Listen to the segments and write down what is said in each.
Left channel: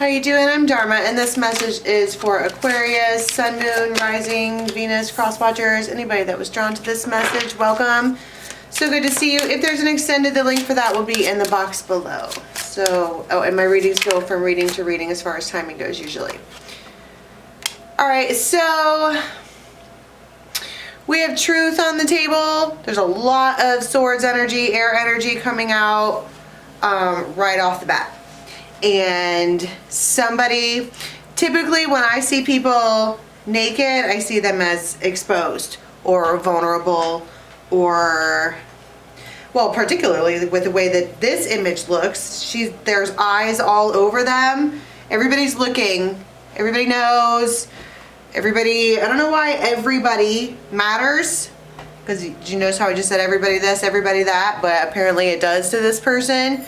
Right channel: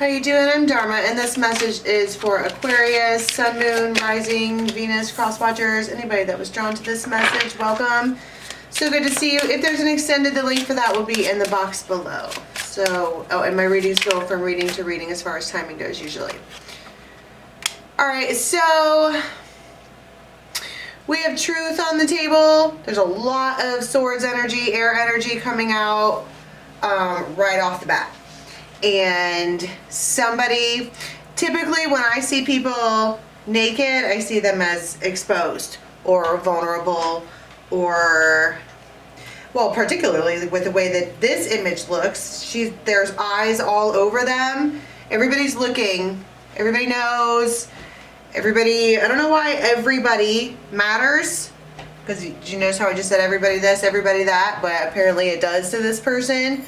How you doing? I'm Dharma, and this message is for Aquarius, Sun, Moon, Rising, Venus, Cross Watchers. Anybody that was drawn to this message, welcome. So good to see you. If there's an extended, the link for that will be in the box below. So, oh, and my readings go from reading to reading as far as timing goes usually. All right, so we have truth on the table. There's a lot of swords energy, air energy coming out right off the bat. And somebody, typically when I see people naked, I see them as exposed or vulnerable, or, well, particularly with the way that this image looks, there's eyes all over them. Everybody's looking. Everybody knows. Everybody, I don't know why everybody matters, because you notice how I just said everybody this, everybody that, but apparently it does to this person.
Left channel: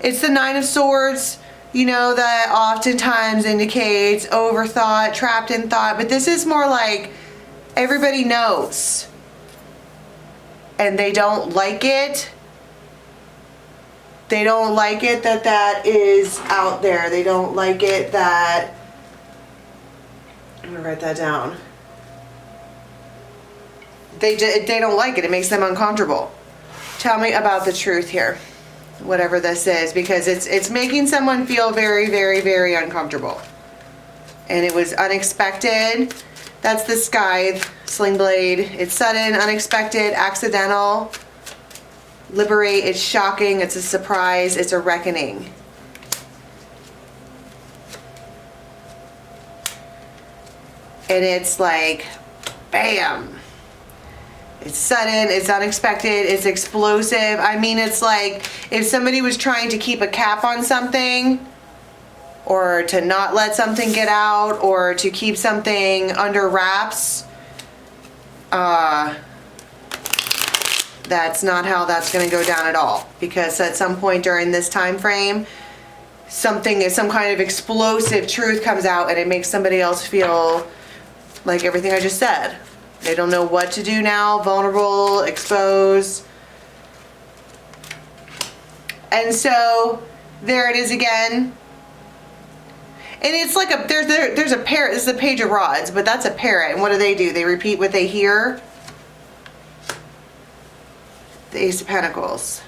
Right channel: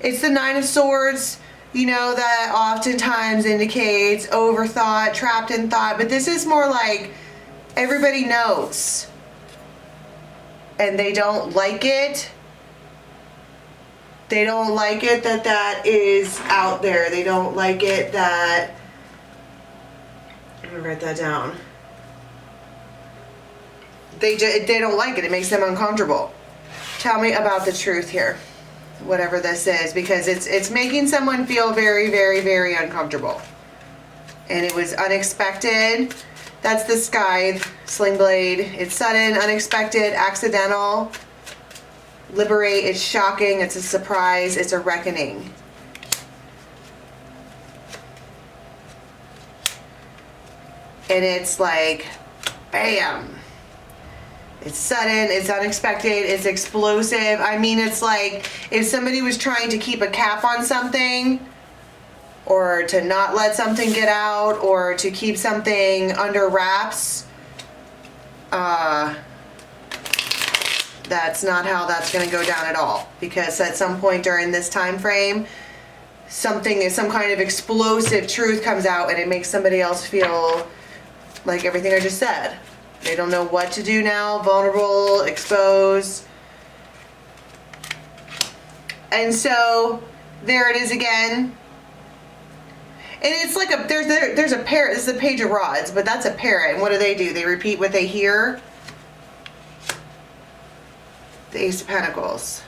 It's the Nine of Swords, you know, that oftentimes indicates overthought, trapped in thought, but this is more like everybody knows and they don't like it. They don't like it that that is out there. They don't like it that, I'm gonna write that down. They don't like it. It makes them uncomfortable. Tell me about the truth here. Whatever this is, because it's making someone feel very, very, very uncomfortable. And it was unexpected. That's the sky, sling blade. It's sudden, unexpected, accidental. Liberate, it's shocking, it's a surprise, it's a reckoning. And it's like, bam. It's sudden, it's unexpected, it's explosive. I mean, it's like if somebody was trying to keep a cap on something, or to not let something get out, or to keep something under wraps. That's not how that's going to go down at all. Because at some point during this time frame, some kind of explosive truth comes out, and it makes somebody else feel like everything I just said. They don't know what to do now, vulnerable, exposed. And so there it is again. And it's like there's a parrot. This is a page of rods, but that's a parrot. And what do? They repeat what they hear. The Ace of Pentacles.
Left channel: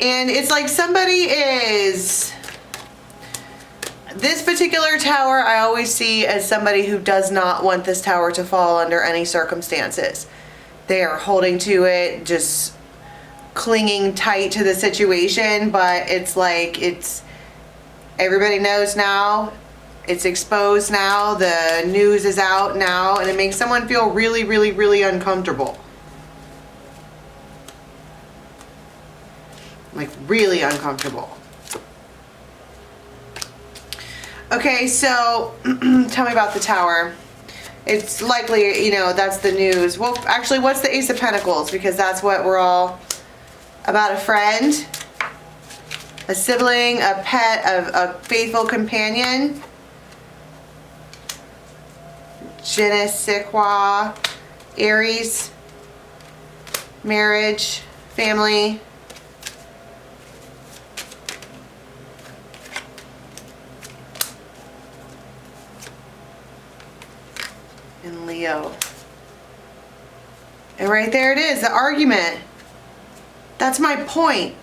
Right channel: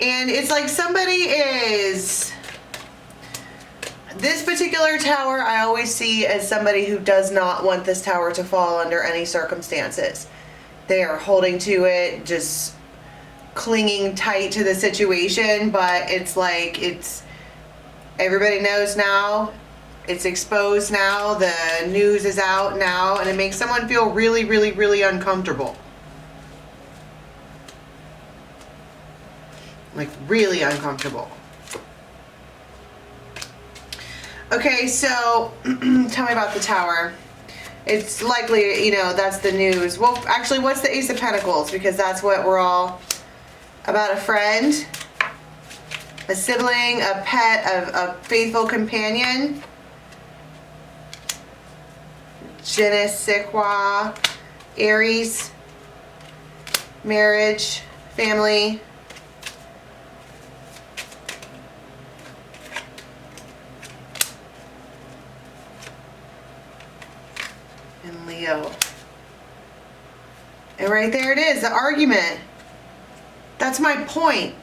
And it's like somebody is... This particular tower I always see as somebody who does not want this tower to fall under any circumstances. They are holding to it, just clinging tight to the situation, but it's like everybody knows now, it's exposed now, the news is out now, and it makes someone feel really, really, really uncomfortable. Like really uncomfortable. Okay, so tell me about the tower. It's likely, you know, that's the news. Well, actually, what's the Ace of Pentacles? Because that's what we're all about. A friend, a sibling, a pet, a faithful companion. Je ne sais quoi. Aries, marriage, family. And Leo. And right there it is, the argument. That's my point.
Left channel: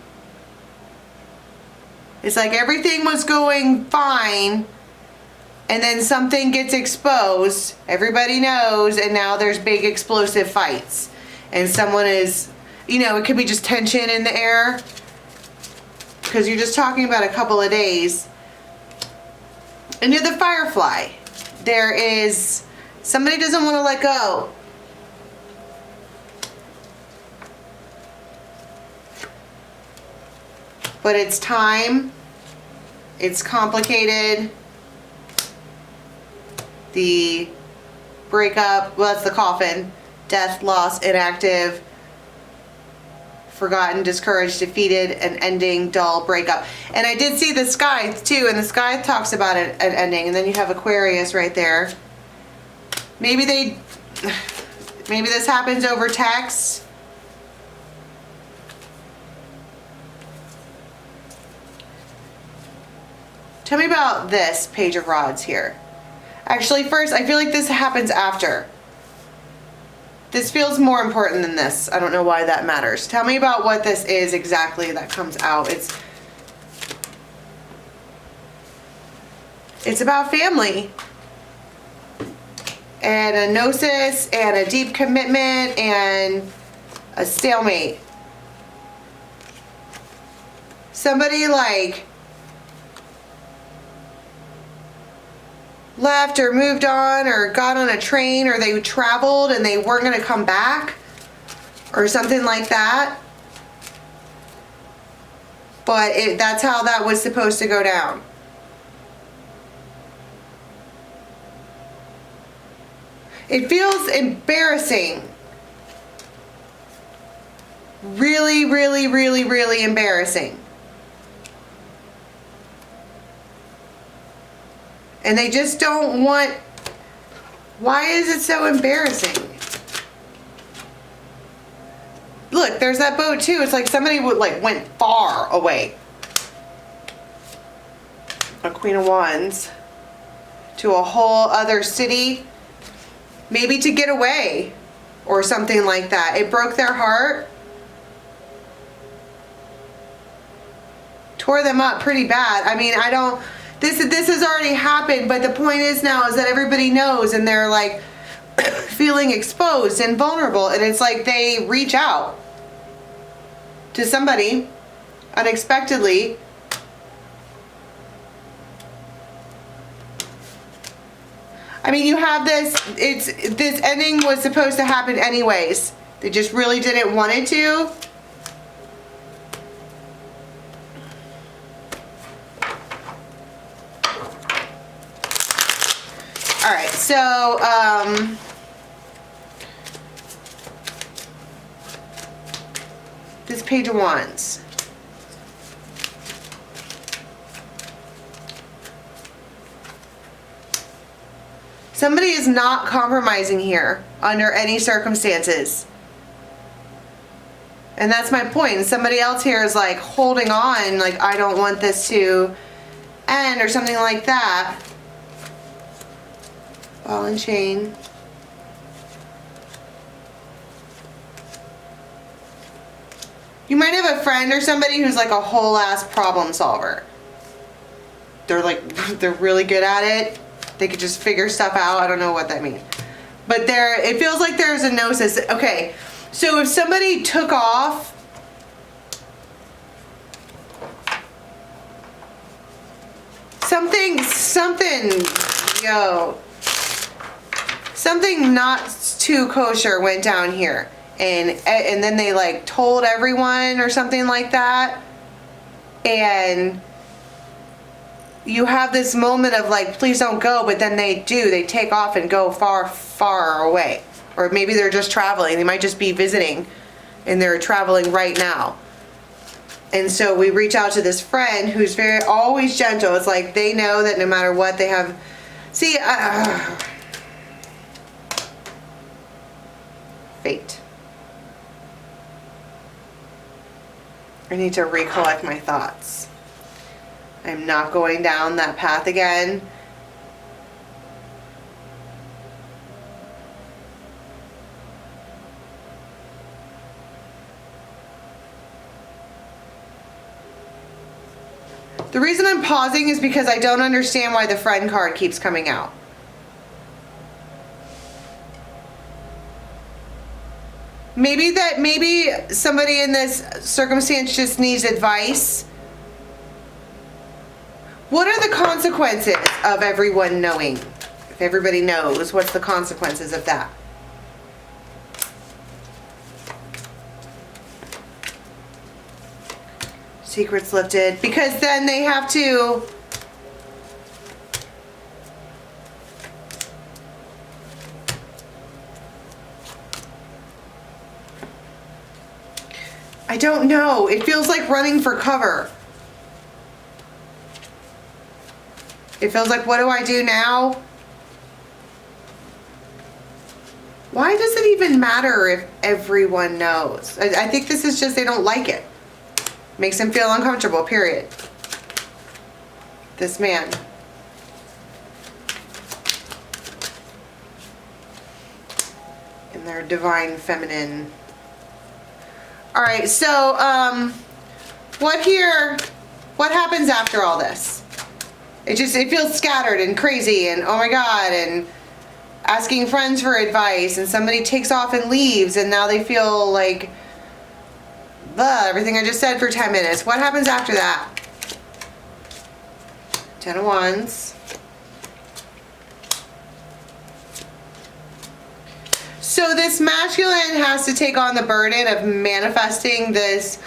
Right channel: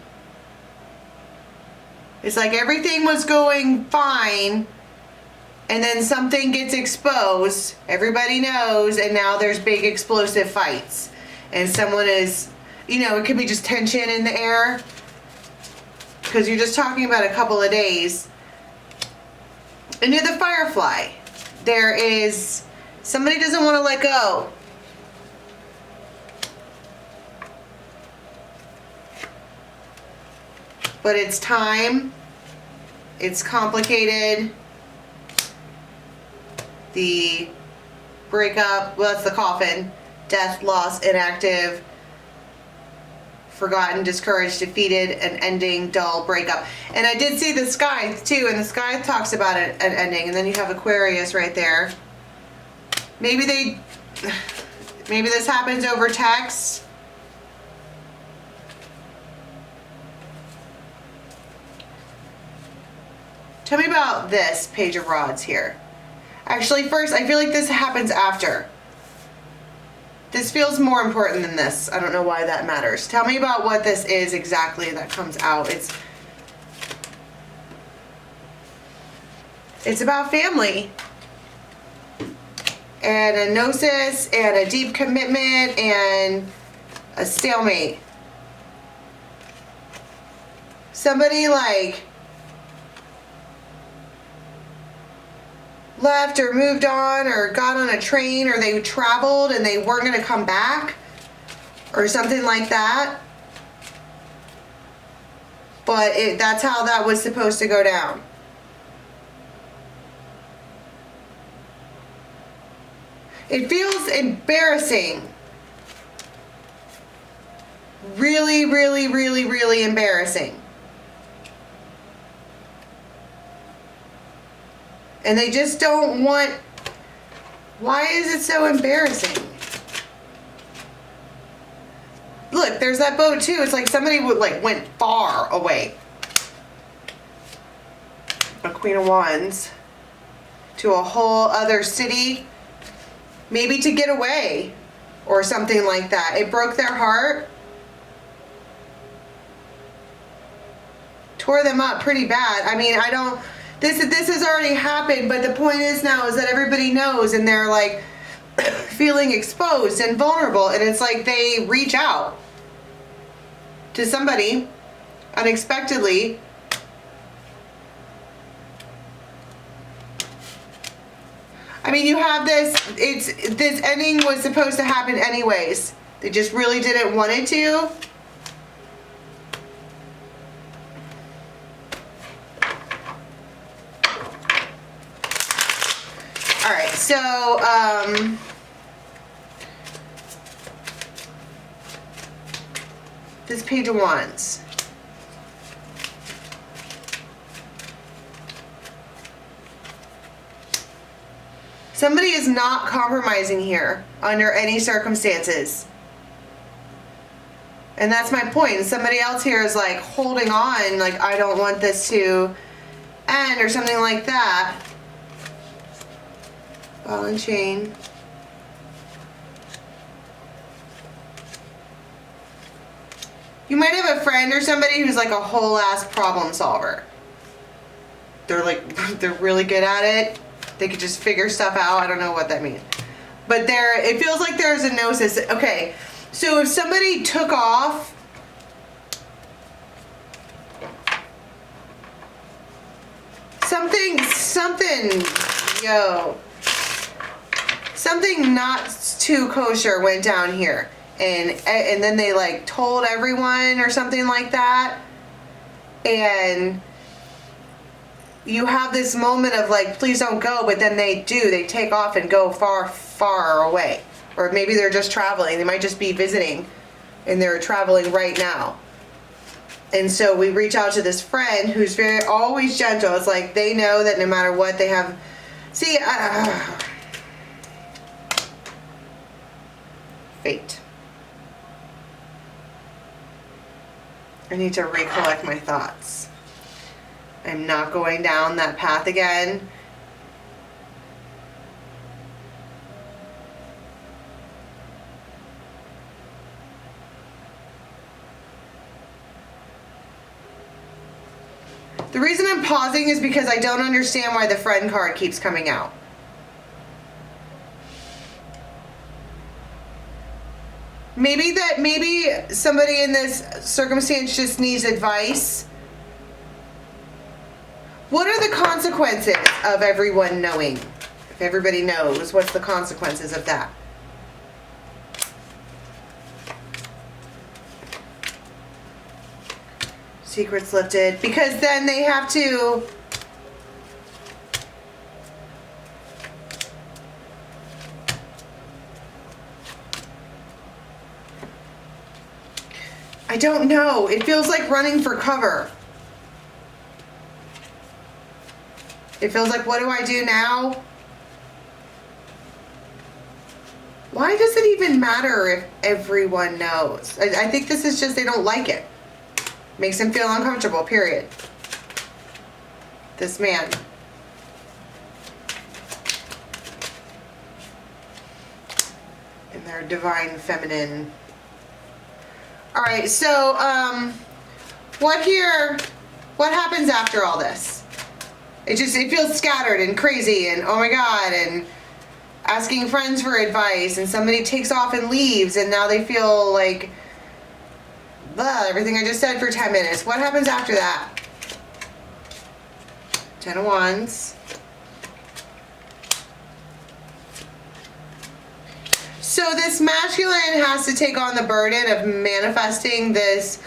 It's like everything was going fine, and then something gets exposed, everybody knows, and now there's big explosive fights. And someone is, you know, it could be just tension in the air, because you're just talking about a couple of days. And you're the Firefly. There is... Somebody doesn't want to let go. But it's time. It's complicated. The breakup, well, that's the coffin. Death, loss, inactive, forgotten, discouraged, defeated, an ending, dull, breakup. And I did see the sky too, and the sky talks about an ending. And then you have Aquarius right there. Maybe this happens over text. Tell me about this Page of Rods here. Actually, first, I feel like this happens after. This feels more important than this. I don't know why that matters. Tell me about what this is exactly that comes out. It's about family. And a gnosis and a deep commitment and a stalemate. Somebody like left or moved on or got on a train or they traveled and they weren't going to come back or something like that. But that's how that was supposed to go down. It feels embarrassing. Really, really, really, really embarrassing. And they just don't want... Why is it so embarrassing? Look, there's that boat too. It's like somebody went far away. A Queen of Wands. To a whole other city. Maybe to get away. Or something like that. It broke their heart. Tore them up pretty bad. I mean, I don't... This has already happened, but the point is now is that everybody knows and they're like feeling exposed and vulnerable, and it's like they reach out to somebody unexpectedly. I mean, you have this, this ending was supposed to happen anyways. They just really didn't want it to. All right, so this Page of Wands. Somebody is not compromising here under any circumstances. And that's my point. Somebody else here is like holding on, like I don't want this to end or something like that. Ball and chain. You might have a friend or somebody who's like a whole ass problem solver. They're really good at it. They could just figure stuff out. I don't know what that means. But it feels like there's a gnosis. Okay, so if somebody took off, something, something not too kosher went down here. And then they like told everyone or something like that. And you have this moment of like, please don't go, but then they take off and go far, far away. Or maybe they're just traveling. They might just be visiting and they're traveling right now. And so we reach out to this friend who's always gentle. It's like they know that no matter what they have. See, fate. I need to recollect my thoughts. I'm not going down that path again. The reason I'm pausing is because I don't understand why the friend card keeps coming out. Maybe somebody in this circumstance just needs advice. What are the consequences of everyone knowing? If everybody knows, what's the consequences of that? Secrets lifted. Because then they have to... I don't know. It feels like running for cover. It feels like, what do I do now? Why does it even matter if everyone knows? I think this is just they don't like it. Makes them feel uncomfortable, period. this man. In their divine feminine. Alright, so, what happens after all this? It feels scattered and crazy and oh my god, and asking friends for advice, and somebody takes off and leaves, and now they feel like, everything I just said for 10 minutes. What happens after that? 10 of Wands. So this masculine has to take on the burden of manifesting this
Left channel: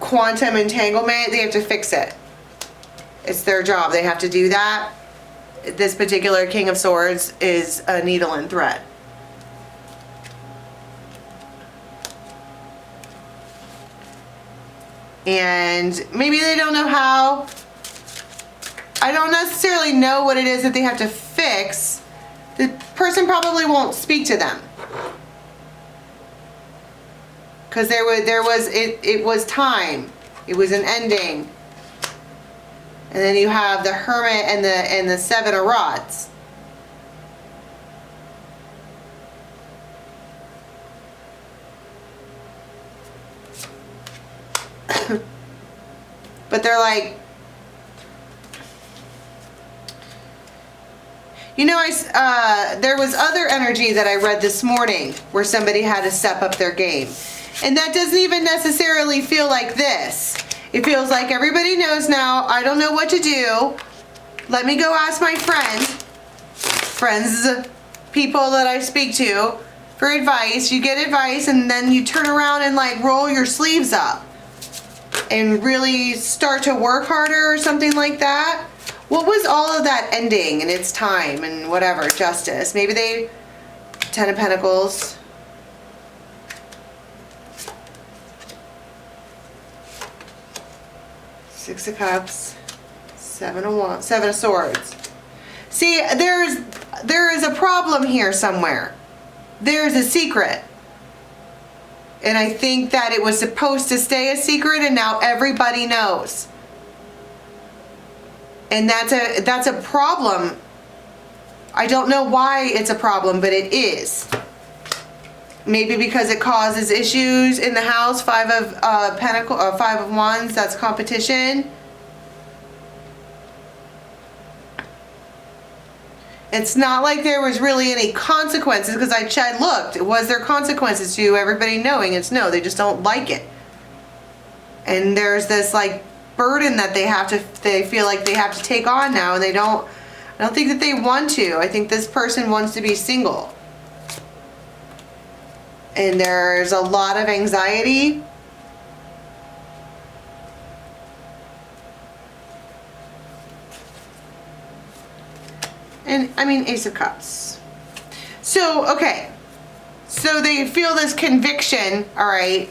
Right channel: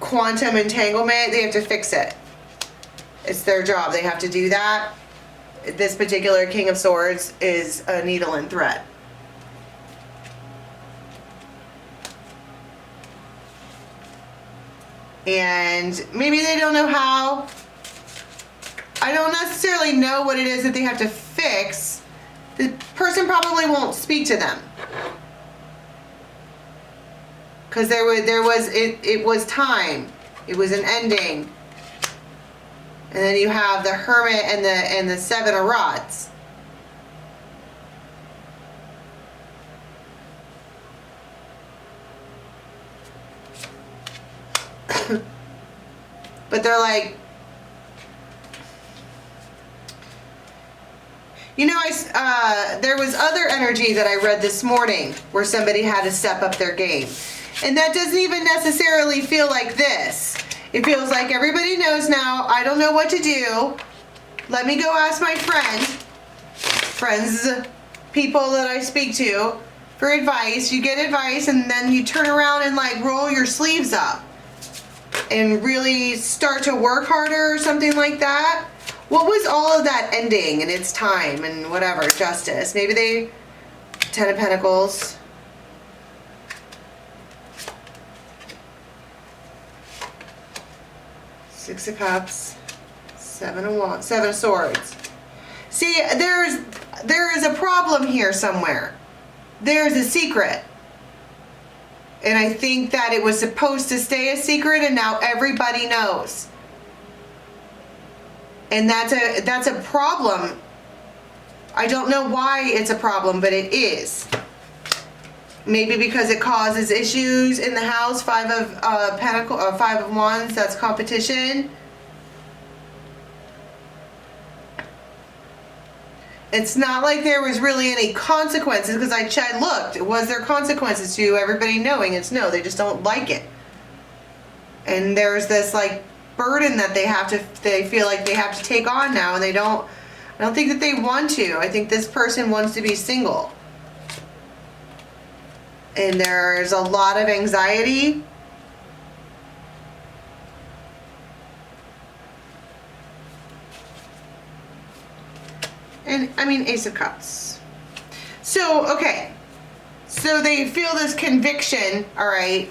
quantum entanglement. They have to fix it. It's their job. They have to do that. This particular King of Swords is a needle and thread. And maybe they don't know how. I don't necessarily know what it is that they have to fix. The person probably won't speak to them. Because it was time. It was an ending. And then you have the Hermit and the Seven of Rods. But they're like, you know, there was other energy that I read this morning where somebody had to step up their game. And that doesn't even necessarily feel like this. It feels like everybody knows now. I don't know what to do. Let me go ask my friends, people that I speak to for advice. You get advice and then you turn around and like roll your sleeves up and really start to work harder or something like that. What was all of that ending and its time and whatever, justice? Maybe they, 10 of Pentacles. Six of Cups, Seven of Swords. See, there is a problem here somewhere. There's a secret. And I think that it was supposed to stay a secret and now everybody knows. And that's a problem. I don't know why it's a problem, but it is. Maybe because it causes issues in the house. Five of Wands, that's competition. It's not like there was really any consequences, because I looked. Was there consequences to everybody knowing? It's no, they just don't like it. And there's this like burden that they feel like they have to take on now, and I don't think that they want to. I think this person wants to be single. And there's a lot of anxiety. And I mean, Ace of Cups. So, okay. So they feel this conviction, all right.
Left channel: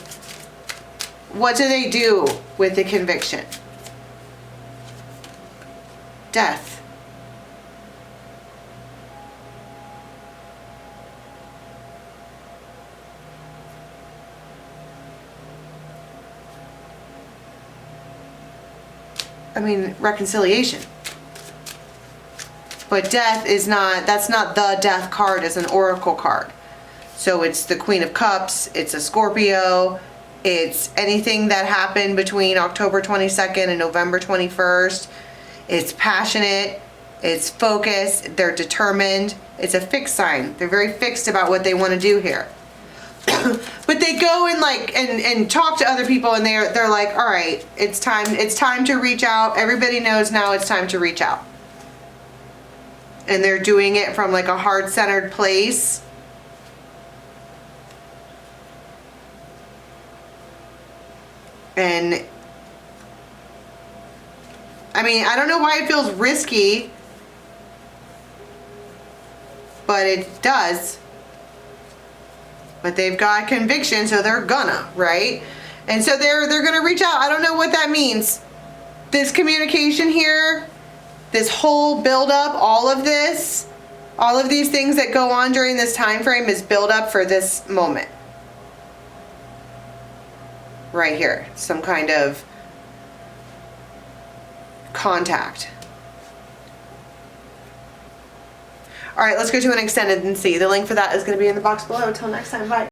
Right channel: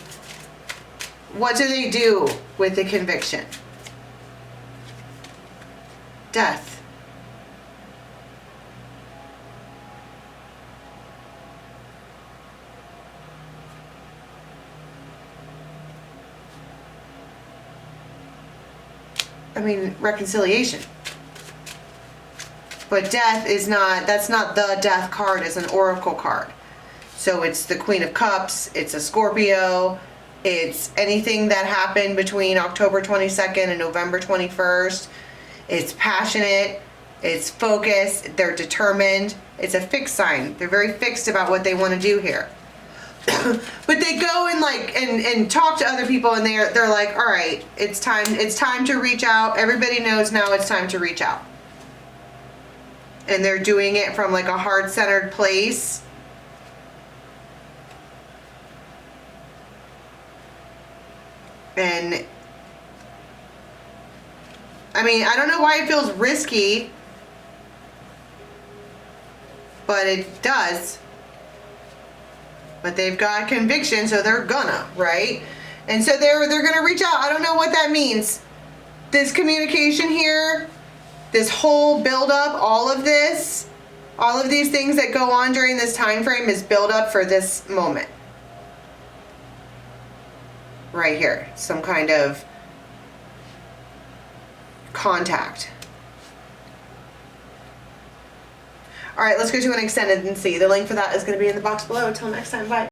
What do they do with the conviction? Death. I mean, reconciliation. But death is not, that's not the death card, it's an oracle card. So it's the Queen of Cups, it's a Scorpio, it's anything that happened between October 22nd and November 21st. It's passionate, it's focused, they're determined. It's a fixed sign. They're very fixed about what they want to do here. But they go and like and talk to other people, and they're like, all right, it's time to reach out. Everybody knows now it's time to reach out. And they're doing it from like a heart-centered place. And I mean, I don't know why it feels risky, but it does. But they've got conviction, so they're gonna, right? And so they're gonna reach out. I don't know what that means. This communication here, this whole build-up, all of these things that go on during this time frame is build up for this moment. Right here, some kind of contact. All right, let's go to an extended and see. The link for that is going to be in the box below. Until next time, bye.